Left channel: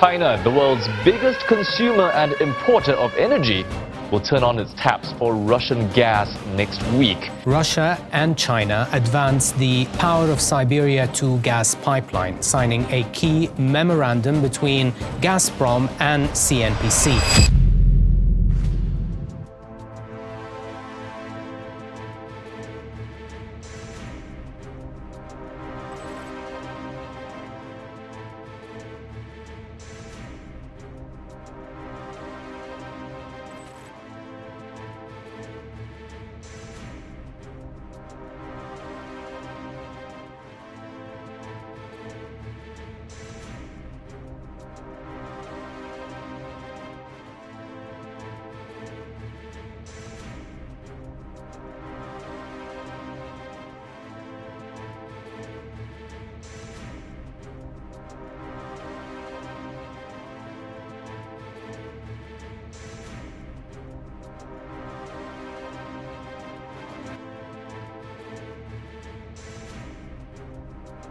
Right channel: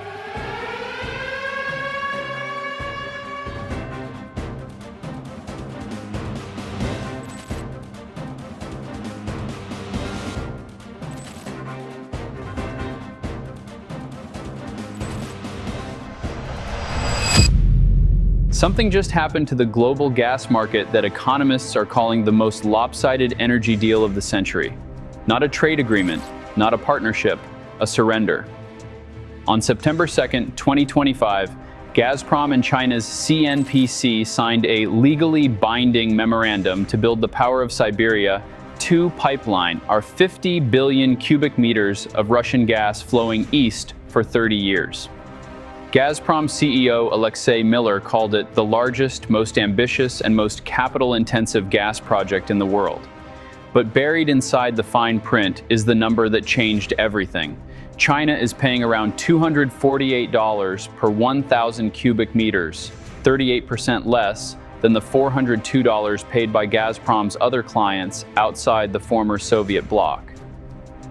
China, the world's biggest consumer and importer of energy, will turn on its taps for Russian gas next week. Russia and China advanced the Power of Siberia 2 gas pipeline, signing a key memorandum between Gazprom and CNPC. Something just happened to the global gas market that economists are calling the most lopsided energy deal of the century. Not a trade agreement, not a partnership, a surrender. On September 2nd, 2025, Gazprom and China's CNPC signed a legally binding memorandum to build the Power of Siberia 2 pipeline, our 50 billion cubic meters of Russian gas flowing east for 30 years. Gazprom CEO Alexei Miller called it the largest, most ambitious, and most capital-intensive gas project in the world. But buried inside the fine print is the number that changed everything. China is paying around $248 per 1,000 cubic meters, 38% less than the $402 paid by Gazprom's other clients outside the former Soviet bloc.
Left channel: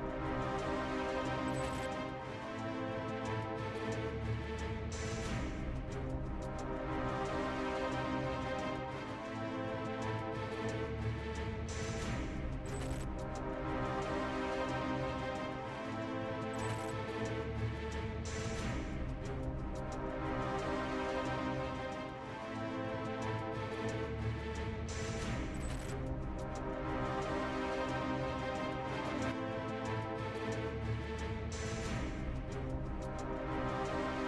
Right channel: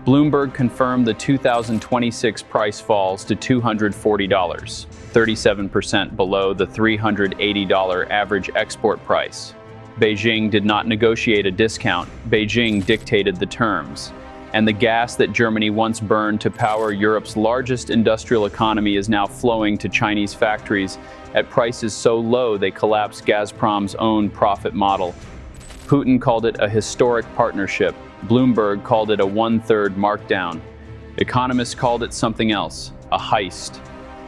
Bloomberg confirmed the 2026 price falls to $240, 37% below the $380 average export price. Beijing did not negotiate a discount. Beijing dictated the terms. And the gas that Germany once burned to power Europe's largest industrial economy is now flowing to Chinese factories at prices so low they collapsed Gazprom's own profit model. Putin called it a historic partnership. Bloomberg called it a one-third markdown. Economists called it something else, a heist.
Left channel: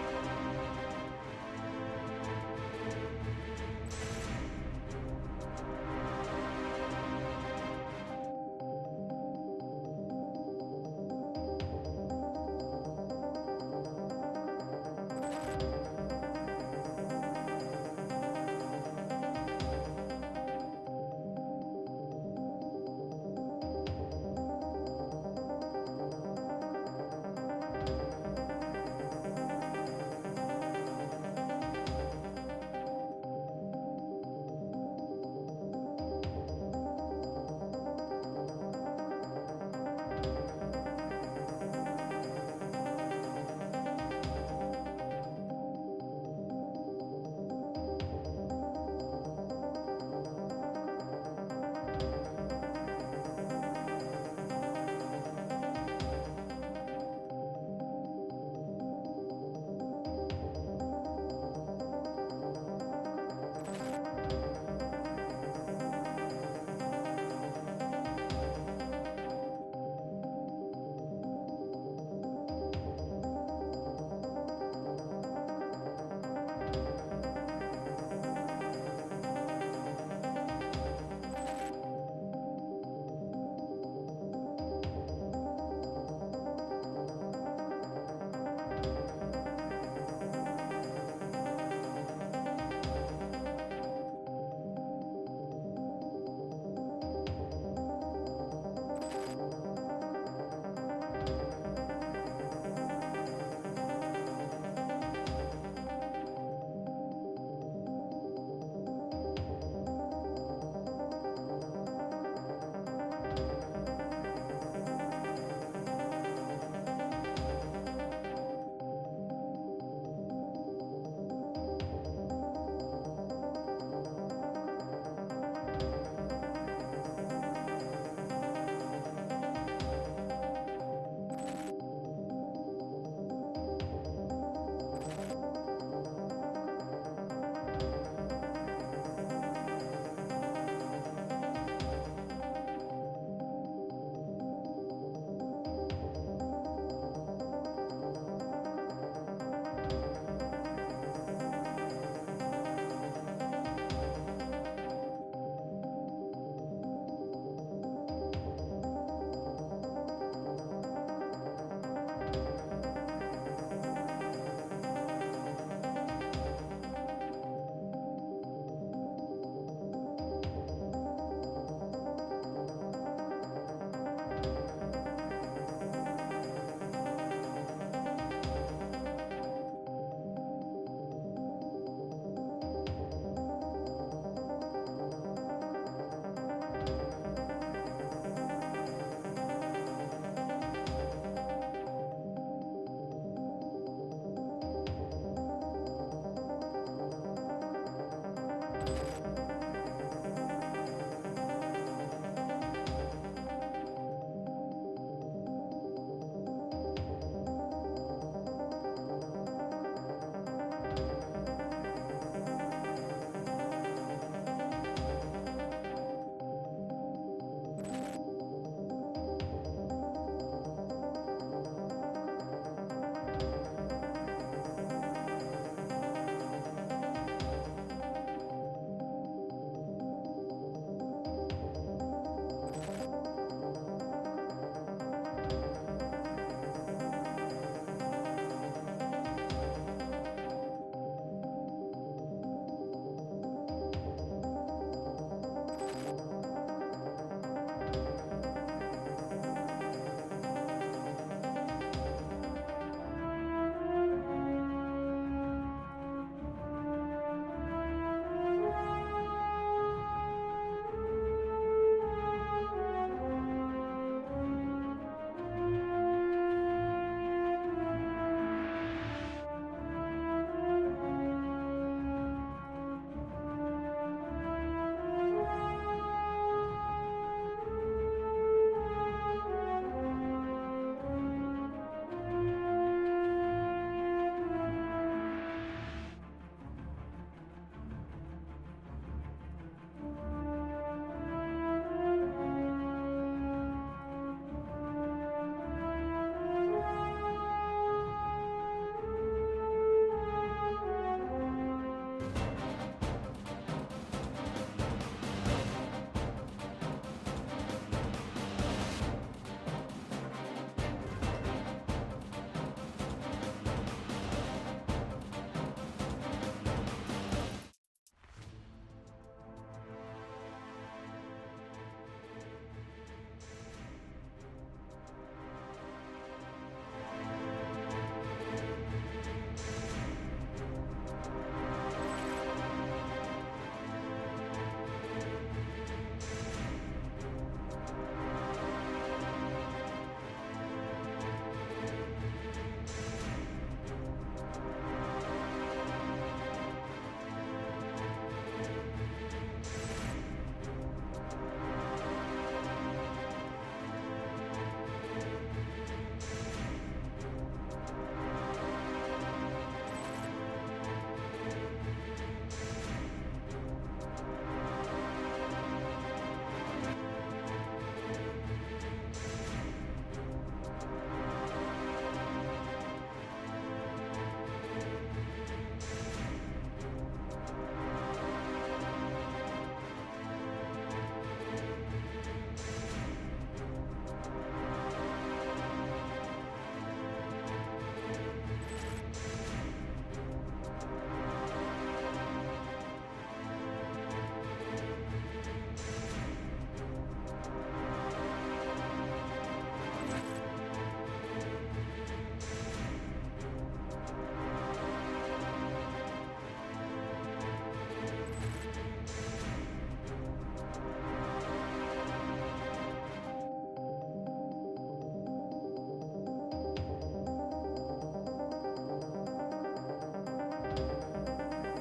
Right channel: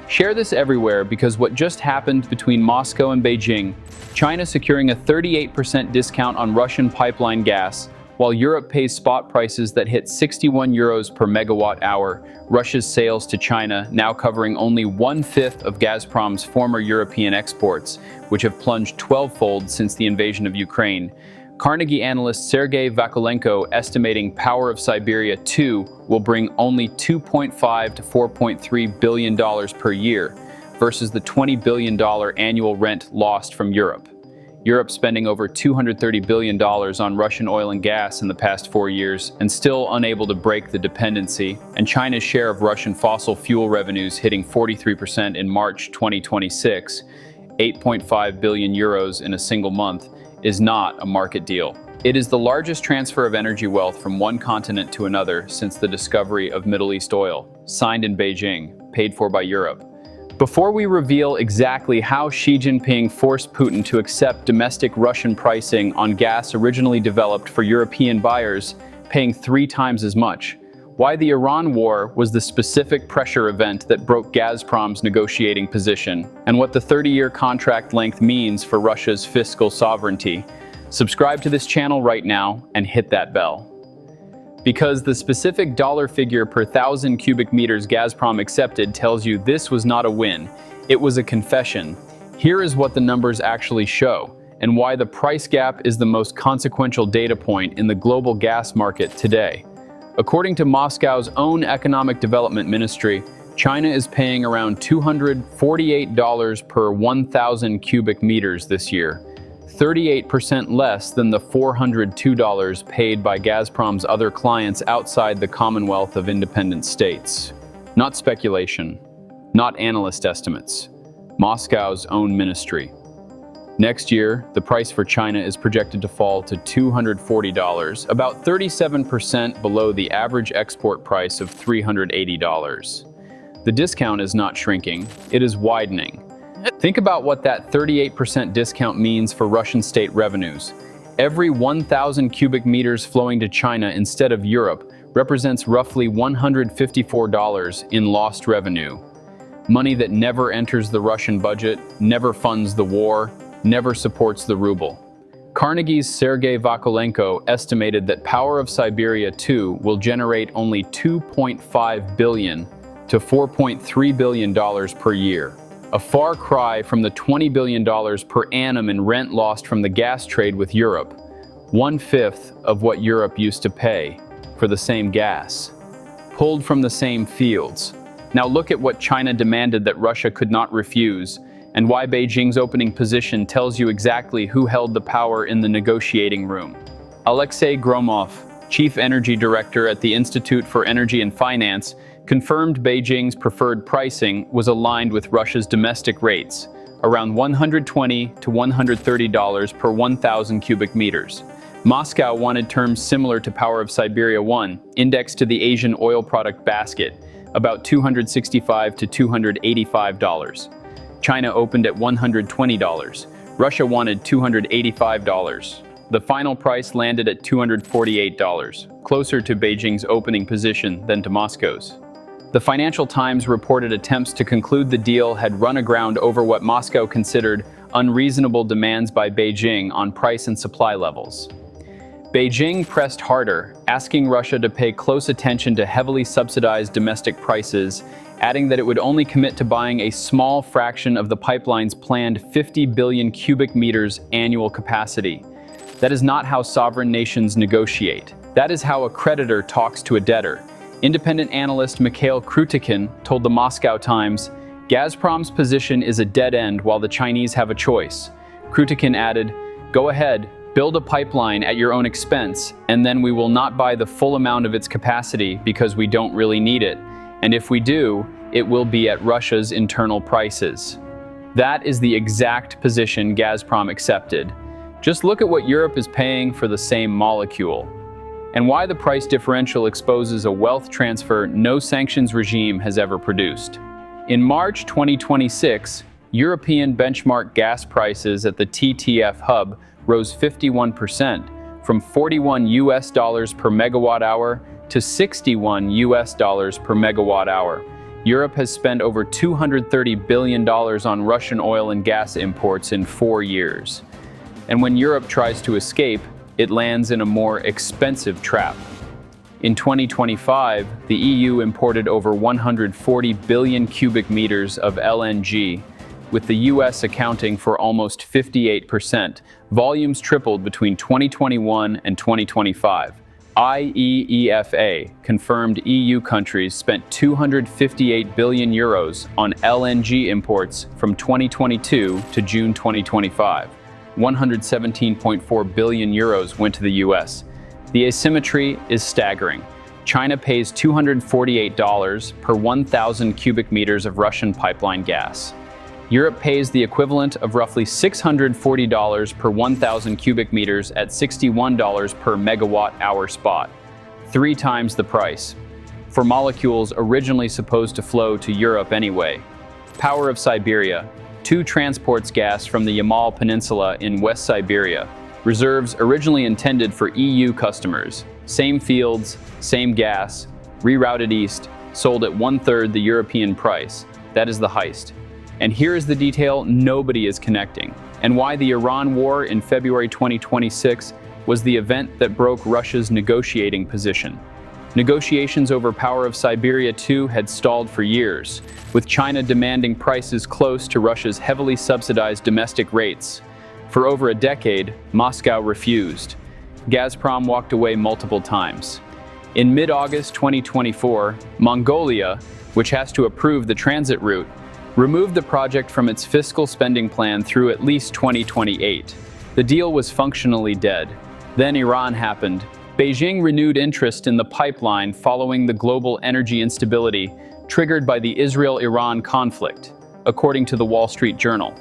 Share this everywhere because what just happened between Moscow and Beijing, China securing a 38% discount on Russian pipeline gas, while Europe pays spot prices that hit 61 euros per megawatt hour, Russia's sales to China now covering only 1/5 of Gazprom's former European exports, which have plunged 12-fold since the invasion of Ukraine. Carnegie analyst Sergei Vakulenko estimating Power of Siberia 2 will bring only $2.5 to $4.3 billion per year, versus the $20 billion annual rent lost from Europe. Europe spending over $230 billion on Russian oil and gas in the past 4 years and still unable to break the dependency, and China's share of Russian fossil fuel revenues hitting 43% in March 2026, 8.5 billion euros in a single month, is not a market deal. It is the largest transfer of energy wealth from one continent to another since the discovery of Middle East oil, signed in Beijing, paid for by Europe. Before we reveal exactly how Xi Jinping forced Putin to accept domestic Russian pricing on gas originally developed for European buyers, paying 3 times as much, why the Iran war was the specific pressure event that broke Gazprom's negotiating position, and what the 30-year contract length means for Russia's fiscal sovereignty, subscribe to this channel right now and hit that bell. Because the specific dollar figure per 1,000 cubic meters Gazprom accepted tells you this was not a win, it was a confession. Here is what the numbers actually show, and why the price gap is the most consequential data point in the global gas market today. According to Moscow's own Economic Development Ministry, China is paying around $248 per 1,000 cubic meters this year, 38% less than the $402 paid by Gazprom's other clients outside the Commonwealth of Independent States. Not speculation, not analyst estimates, Moscow's own ministry. Next year, the price for China is projected to fall to $240, about 37% below the average export price of $380. The discount is not shrinking, it is widening. Think about what that 38% discount means for Russian state revenues. Every 1,000 cubic meters flowing to China instead of Europe represents roughly $154 in lost revenue. Money that never enters the Russian budget, never funds the war, never supports the ruble. Carnegie's Sergei Vakulenko estimated that Power of Siberia 2 will generate only $2.5 billion to $4.3 billion per year. A far cry from the $20 billion per annum in rent lost from the gas trade with Europe, 1/5 of what Europe used to pay for the same gas, pulled from the same fields. Now look at what China demanded that Russia could not refuse, and why Beijing's opening position tells you exactly who held the power in the negotiating room. Alexei Gromov, Chief Energy Director at the Institute for Energy and Finance, confirmed Beijing's preferred pricing was aligned with Russia's domestic rates, around $120 to $130 per 1,000 cubic meters. Moscow wanted terms similar to Power of Siberia 1, indexed to the Asian oil product basket, about $265 to $285. China opened at $120. Russia wanted $285. The final price landed at $248, closer to Beijing's opening position than to Moscow's. The Financial Times reported attempts to conclude the deal had run aground over what Moscow considered unreasonable demands by Beijing on price and supply levels. Beijing pressed harder, asking Russia to pay close attention to heavily subsidized domestic prices, adding that it would only commit to buying a small fraction of the pipeline's planned 50 billion cubic meters annual capacity. That is not how sovereign nations negotiate. That is how a creditor talks to a debtor. Independent analyst Mikhail Krutikin told the Moscow Times, "Gazprom's position is a dead end while the Chinese have a choice." Krutikin added, "Go ahead, build a pipeline at your own expense, and then we will not buy the full amount of its capacity because we don't really need it. And if we do, it will be at Russia's internal prices." That is the exact position Gazprom accepted. Just look at what Europe is paying for the same molecule, and why the price differential exposes a wealth transfer no sanctions regime has ever produced. In March 2026, European benchmark gas prices at the TTF hub rose 51%, from $41 per megawatt hour to $61 per megawatt hour. Europe has spent over $230 billion on Russian oil and gas imports in 4 years. And when Europe tries to escape, it lands in a more expensive trap. In 2025, the EU imported over 140 billion cubic meters of LNG, with the US accounting for almost 58%. Volumes tripled between 2021 and 2025. IEEFA confirmed EU countries spent 258 billion euros on LNG imports from 2022 to June 2025. 117.4 billion euros went to the US. The asymmetry is staggering. China pays $248 per 1,000 cubic meters of Russian pipeline gas. Europe pays the equivalent of roughly $640 per 1,000 cubic meters at $61 per megawatt hour spot, 3 times the price, for molecules originally supposed to flow to Europe anyway. Power of Siberia 2 transports gas from the Yamal Peninsula in West Siberia, reserves originally intended for EU customers, same fields, same gas, rerouted east, sold at 1/3 the European price. That is the heist. And here is the detail nobody is connecting, and why the Iran war in February 2026 was the event that broke Russia's negotiating position. Negotiations over Power of Siberia 2 had stalled for years, with China demanding prices close to Russia's heavily subsidized domestic rates. For over a decade, Moscow refused. Gazprom walked away multiple times. In mid-August 2024, Mongolia, which has to approve the transit route, removed the project from its fiscal spending plan through at least 2028. The deal was functionally dead. Then Iran happened. Beijing renewed interest in the pipeline following the global energy instability triggered by the Israel-Iran conflict, according to the Wall Street Journal.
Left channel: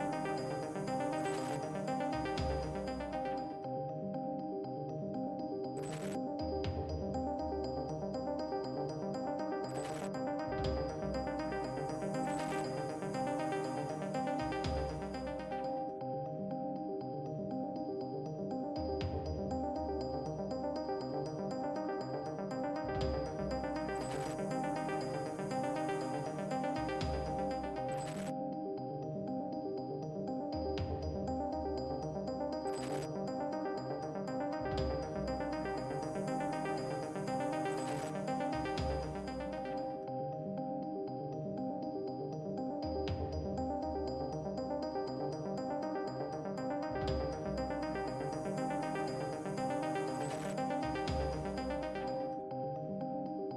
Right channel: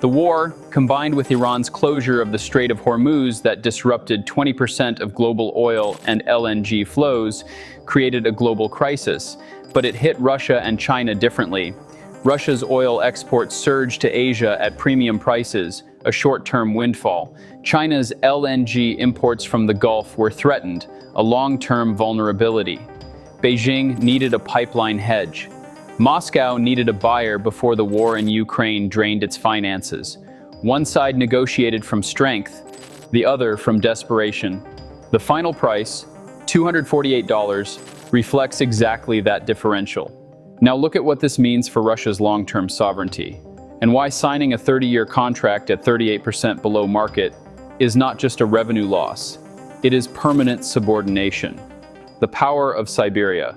The war, combined with Iran's closure of the Strait of Hormuz that disrupted 20% of global oil and LNG flows, created a global crisis, but it hit Russia and China differently. Russia's oil exports surged to Asia at premium prices, a short-term windfall. China's LNG imports from the Gulf were threatened, a long-term vulnerability. Beijing needed a pipeline hedge. Moscow needed a buyer before the war in Ukraine drained its finances. One side negotiated from strength, the other from desperation. The final price, $248, reflects exactly that differential. Now look at what this means for Russia's long-term sovereignty, and why signing a 30-year contract at 38% below market is not just a revenue loss, it is permanent subordination. The Power of Siberia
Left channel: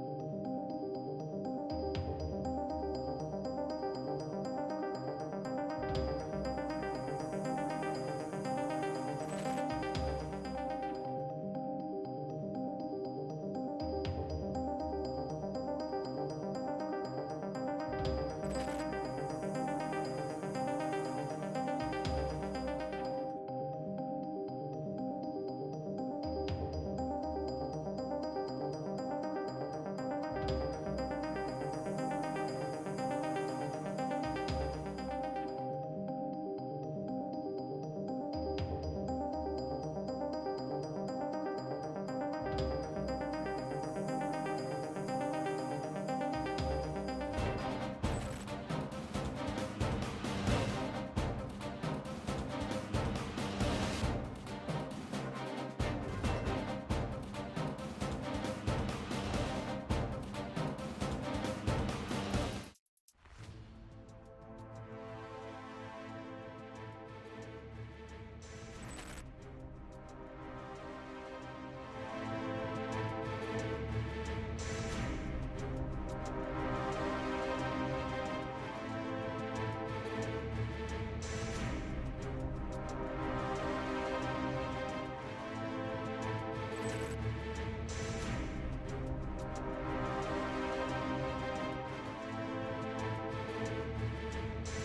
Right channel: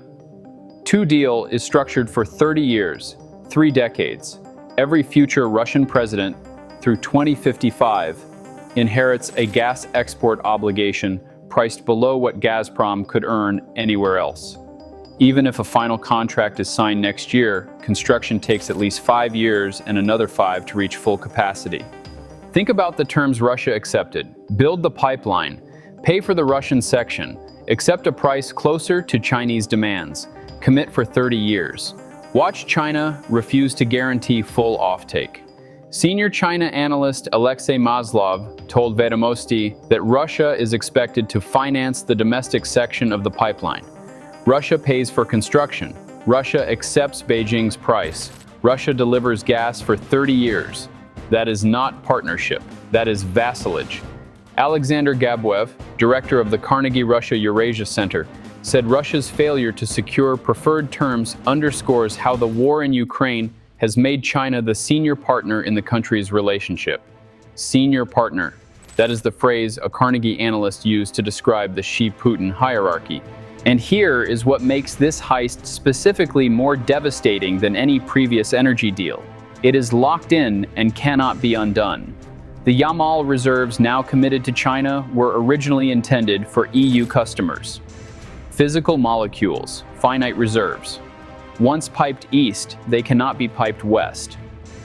2 deal is structured for 30 years, 3 decades. Every future Russian president, through 2055, inherits a gas export obligation priced below what Gazprom could earn anywhere else. Even if a final contract is signed next year, construction takes at least 5 years and another 5 to reach full capacity. Think about the terms Russia accepted. Build the pipeline, pay for the Russian section, accept a price closer to Chinese demands, commit for 30 years. Watch China refuse to guarantee full offtake. Senior China analyst Alexei Maslov told Vedomosti that Russia is expected to finance the domestic section of the pipeline. Russia pays for construction. Russia accepts Beijing's price. Russia delivers gas for 30 years. That is not partnership. That is vassalage. Alexander Gabuev, director of the Carnegie Russia Eurasia Center, said Russia's failure to secure preferred terms underscores how the war in Ukraine has made China the senior partner in the country's relationship. Senior partner. That is the phrase a Carnegie analyst used to describe the Xi-Putin hierarchy. And here is what makes this heist specifically more devastating than any previous energy deal. It is locked in and cannot be undone. The Yamal reserves now committed to China were originally intended for EU customers. Physical molecules, finite reserves. Once piped east, they cannot be piped west.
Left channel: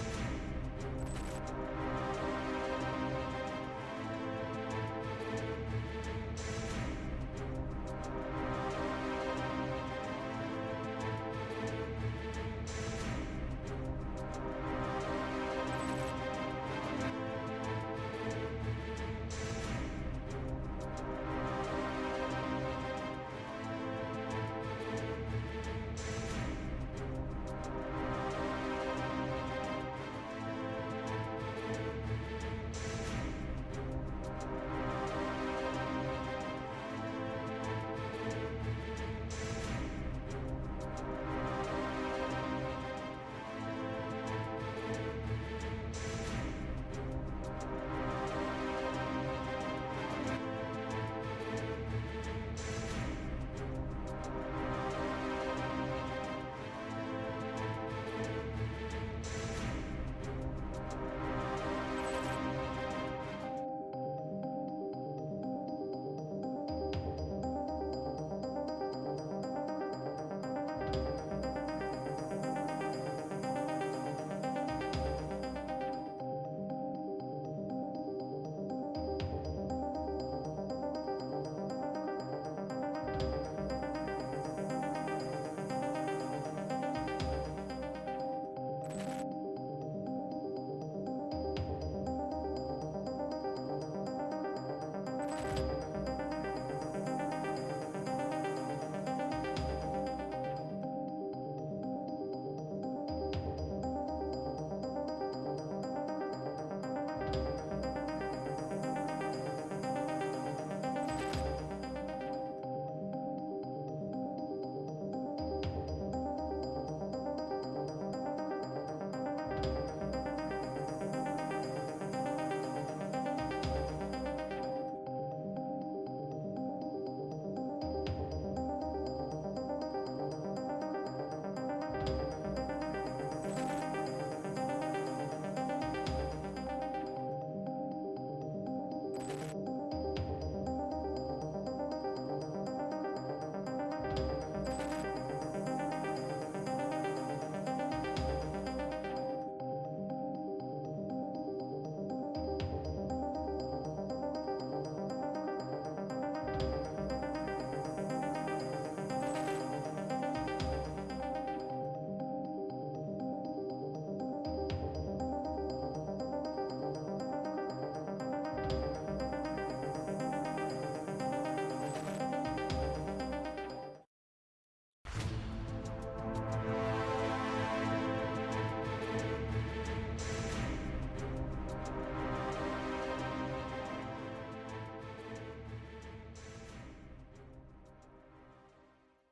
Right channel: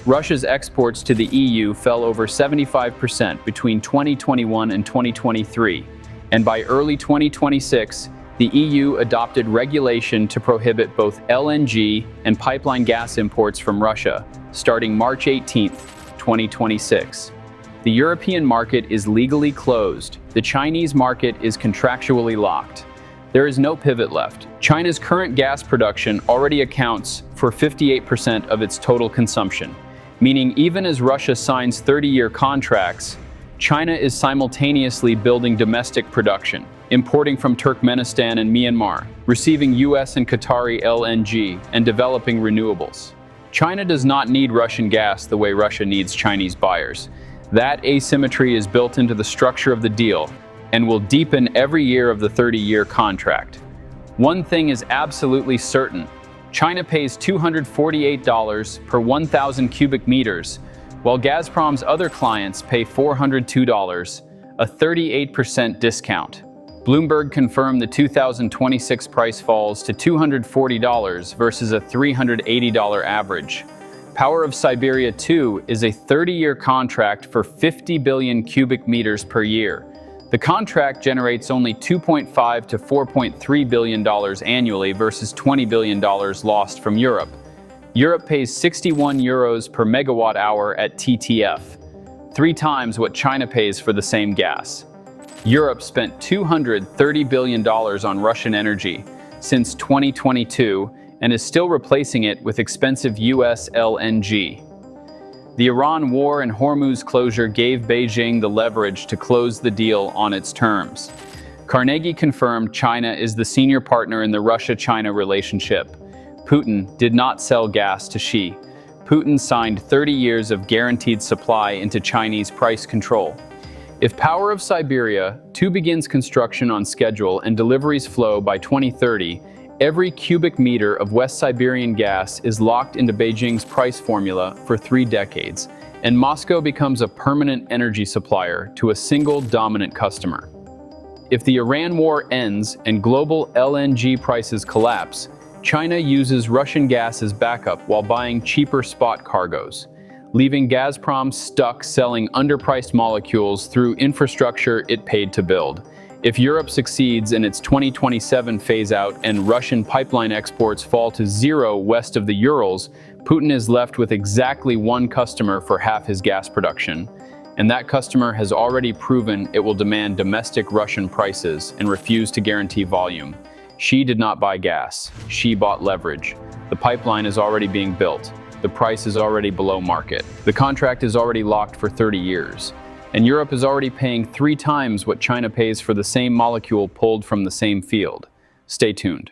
Russia's exports to the EU fell over 75% between 2021 and 2023, and by early 2026, the EU adopted regulation to prohibit both LNG and pipeline gas imports from Russia, starting March 18, 2026. The European market is legally closed. The Chinese market is contractually locked. There is no pivot left. China's current gas production already accounts for 58% of its total consumption, meaning even as Russia signs 30-year contracts, China is simultaneously building domestic production, importing from Turkmenistan and Myanmar, receiving US and Qatari LNG, and developing renewables. China does not need Russian gas the way Russia needs Chinese buyers. That asymmetry is built into the structure of the deal and will deepen every year of the 30-year contract. One thing is absolutely certain. China pays $248 per 1,000 cubic meters, while Gazprom's other clients pay $402, a 38% discount. Bloomberg confirmed the 2026 price falls to $240 versus a $380 average. Power of Siberia 2 is a 30-year contract for 50 billion cubic meters per year. The contract generates only $2.5 to $4.3 billion annually versus $20 billion lost from Europe. Europe pays 61 euros per megawatt hour at TTF, 3 times what China pays for the same gas. Europe spent $230 billion on Russian energy since 2022 and is still replacing it with expensive US LNG. The Iran war and Hormuz closure gave Beijing the leverage to close the deal on its terms. Carnegie confirmed China is the senior partner in the Russia-China relationship. Putin did not sell gas to Xi. Putin signed 30 years of guaranteed supply into Chinese price control. If Power of Siberia 2 begins construction on schedule and deliveries flow by 2030, every cubic meter of West Siberian gas is locked into Beijing's price formula for 3 decades, and Moscow becomes a permanent energy supplier to a single dominant customer. If the Iran war ends and global LNG prices collapse, China uses Russian gas as backup while buying cheaper spot cargoes, leaving Gazprom stuck selling underpriced molecules through infrastructure it paid to build. If Europe succeeds in its 2027 phase-out and Russian pipeline exports fall to 0 west of the Urals, Putin is left with exactly 1 customer for half his gas production. And that customer has already proven it will demand domestic Russian prices and refuse to guarantee volume. Xi did not buy gas. Xi bought leverage. The pipeline is already being built. The price is already below market. The contract is already locked for 30 years. And Europe is already paying 3 times what China pays for the same molecule pulled from the same field. Stay tuned.